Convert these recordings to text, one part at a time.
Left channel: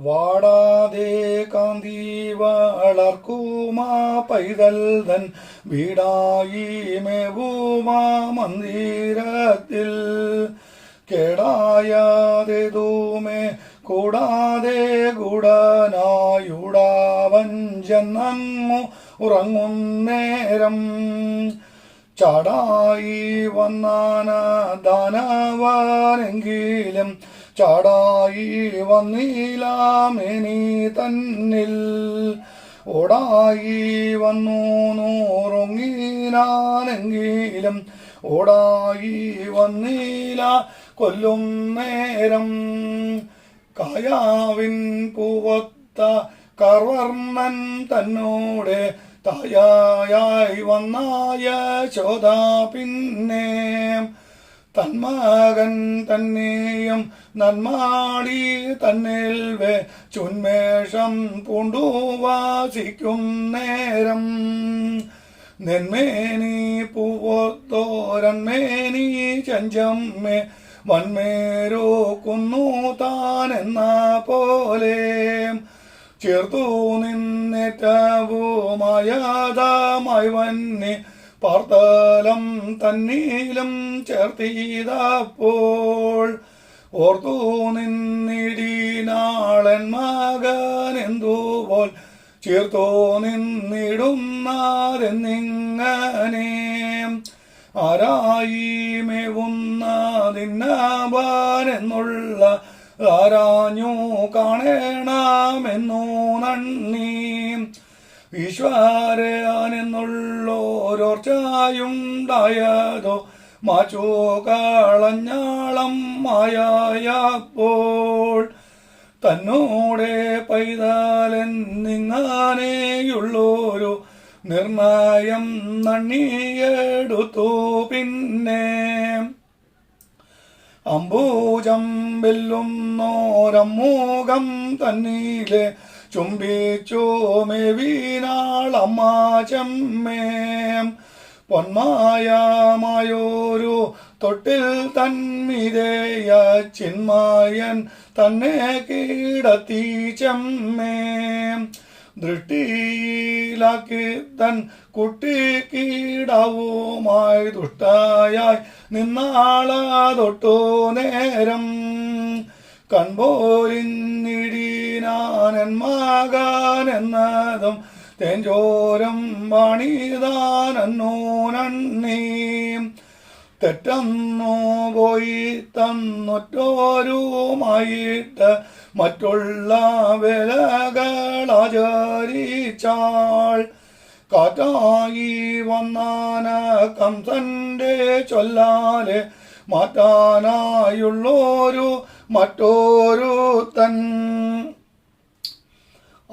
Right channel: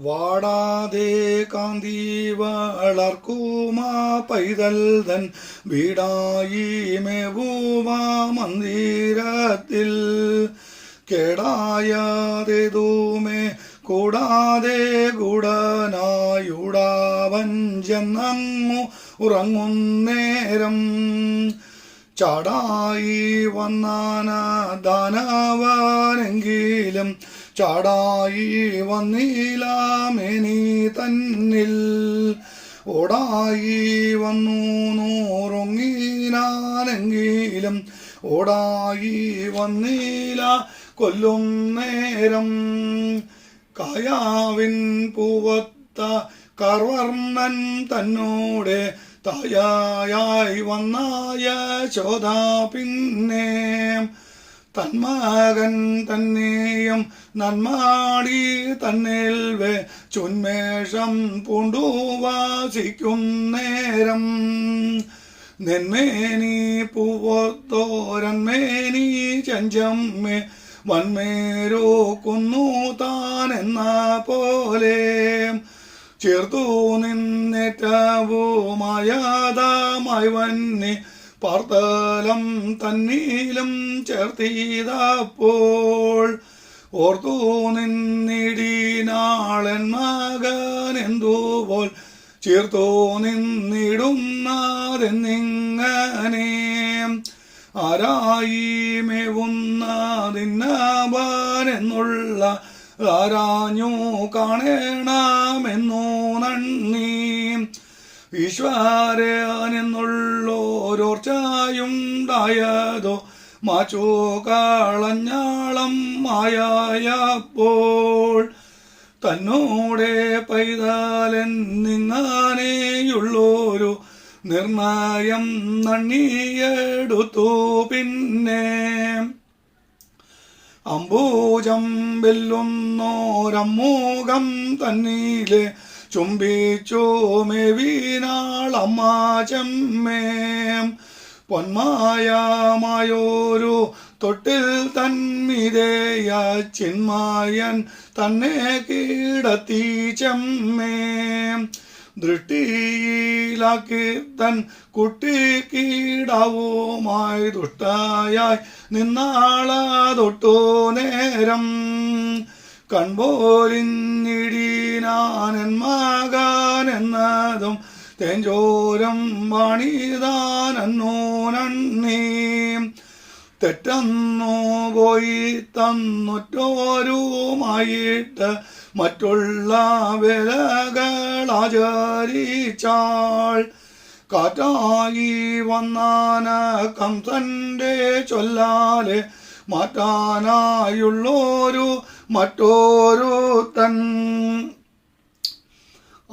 വാടാതെ കാന്തി വളർക്കുമാ പൈതൽ തൻ വീടായി മേവുമാ മന്ദിരത്തിൽ. കേടായതേതുമേ കൂടാതെ ഗുഡനായുടാവൻ ചെന്നങ്ങു ഉറങ്ങുന്നേരം. ചാടായി വന്നാന ദാനവാനെങ്കിലും ചാടായി വന്നിലാമിനി തന്നിൽ. ഓടായി വന്നു നൂറൊങ്ങിനാനെങ്കിലും ഓടായി വന്നില കൊല്ലും നേരം. കായാവിൻ പൂവത്ത കർവർണൻ തന്നോടെ തായായി വന്നായ ചോദ പിന്നെ. തന്മകൻ തന്നെയും നന്മാടി തന്നിൽ വേ ചുന്മേഷം പൂണ്ടുവാസിക്കും നേരം. നെന്മേനി പൂവോത്തോരന്മേനി ചഞ്ചമ്മേ വന്മേരോ കുന്നു താനെന്ന പോലെ. ചേർത്തു നിന്നേറ്റവുമായതാമായി വന്നെ പാർത്തലം തന്നീലം ചേർത്തിയതപ്പോൾ ഓർത്തു നിന്നിടീനാളൻ മകൻ എന്തുപോൽ. ചേർത്തോ നിന്നിടുന്നതെന്നിങ്ങനെ ആരായി മേവുന്നതിന്നവനെന്നുള്ള ആരാഞ്ഞു കാണണമെന്നു നന്ദി. ഈശ്വരനെന്നുള്ളോരോർച്ചയുണ്ടായതോ മാച്ചോ കളഞ്ഞാളം മായപ്പോൾ തന്നോടെ പൈതലെന്നിങ്ങനെയുള്ളൊരു നിർണയം നണ്ണിയെടുത്തു പിന്നെ. അംബൂജം വെല്ലുന്നോരമ്മൂകം തന്നീലെ ചുംബിച്ചു മെവീനാളമ്മാചമ്മേം പൊന്മായമായോരു തൊട്ടിൽ തന്മിതേയ ചിന്മായൻ തന്നെ കീടത്തി ചെമ്മേം. ദൃഷ്ടിയിലാക്കി തൻ കുട്ടി കീടവുമായി നിന്നാളാ തൊട്ടോ നേരം. കൺപോലിഞ്ഞിടീനാനൻ മകനെന്നതും തേഞ്ചോരം വാണിതാനോ നന്ദി. തെറ്റന്നു പോയി തന്നൊറ്റോരുമായിട്ട് മറ്റുള്ള വേലകളാചരിച്ചാൾ. കാറ്റായി വന്നാന കംസന്റെ ചൊല്ലാലെ മാറ്റാനായുള്ളോരു മറ്റോരു തൻ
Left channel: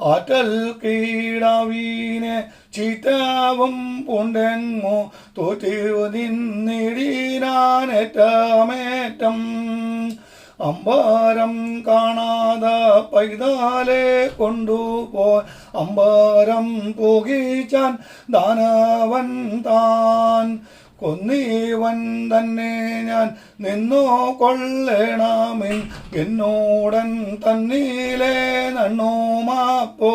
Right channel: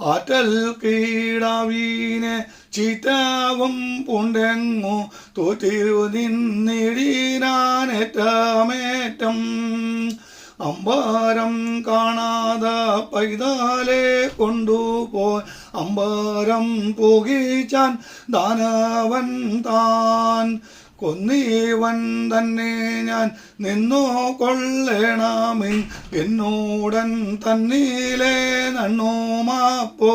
ആറ്റൽ കീടാവീനെ ചീത്താവും പുണ്ടെങ്ങോ തോറ്റു നിന്നിടീനാനേറ്റമേറ്റം. അമ്പാരം കാണാതെ പൈതാലെ കൊണ്ടുപോയി അമ്പാരം പോകിച്ചാൻ ദാനവൻ താൻ. കൊന്നീവൻ തന്നെ ഞാൻ നിന്നോ കൊള്ളേണമിൻ എന്നോടൻ തന്നീലെ നണ്ണുമാപ്പോൾ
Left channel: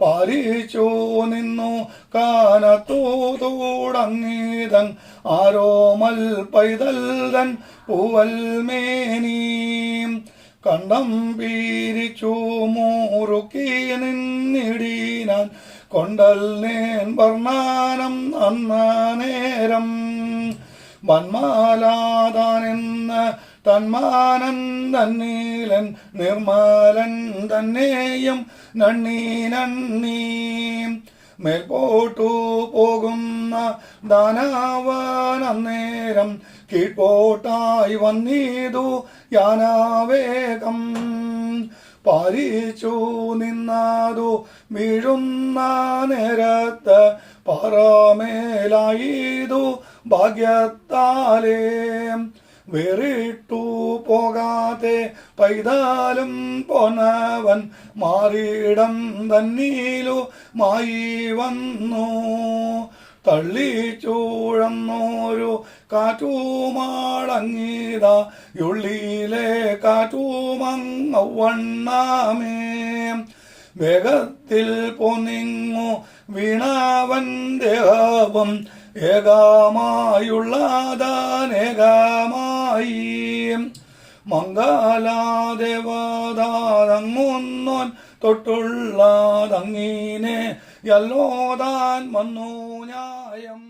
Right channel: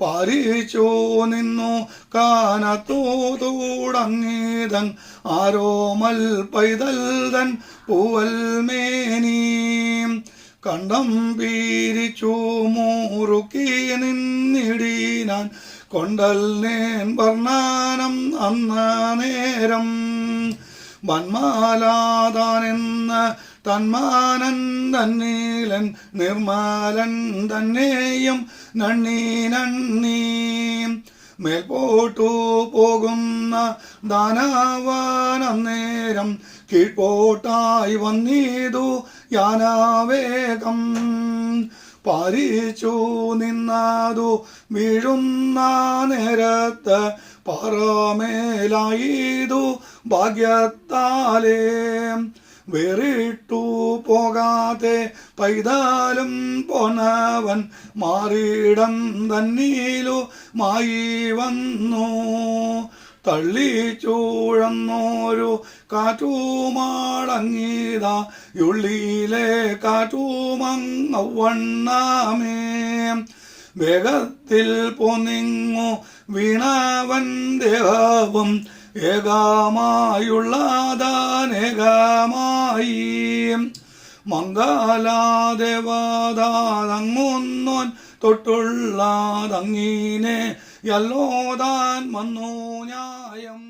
പാലിച്ചു നിന്നു കാനത്തൂതൂടങ്ങീതൻ ആരോമൽ പൈതൽ തൻ പൂവൽ മേനീം കണ്ടം പീരിച്ചു മൂറുക്കി നിന്നിടീനാൻ കൊണ്ടൽ നേൻ വർണാനം അന്ന നേരം വന്മാലാതാനെന്ന തന്മാനൻ തന്നീലൻ നിർമാലൻ തന്നെയും നന്ദി നന്ദി മേൽപോട്ടു പോകുന്ന ദാനാവാനേരം കീഴ്പോട്ടായി വന്നീതു യാനാവേഗം. പാലിച്ചു നിന്നാതു വീഴുന്ന നേരത്ത് പറമേലായതു ഭാഗ്യത്താലേ. വേറിട്ടു പോകാതെ പൈതാലും പോന്നവൻ മാറിയിടം തന്നീലു മായി വന്നു. തള്ളിച്ചൂഴന്നോരു കാറ്റുമാളങ്ങീത ഉള്ളിയിലെ കാറ്റുമങ്ങവണ്ണാമേ. വേഗത്തിൽ പൊന്നിങ്ങു വീണാവൻ ദേഹവും ഏകാമായുള്ളതാനേകമായി മംഗലാദേവതാതങ്ങുന്നോൻ തൊട്ടുള്ളതങ്ങീനെ യല്ലോദാൻ വന്നു ന്യായം.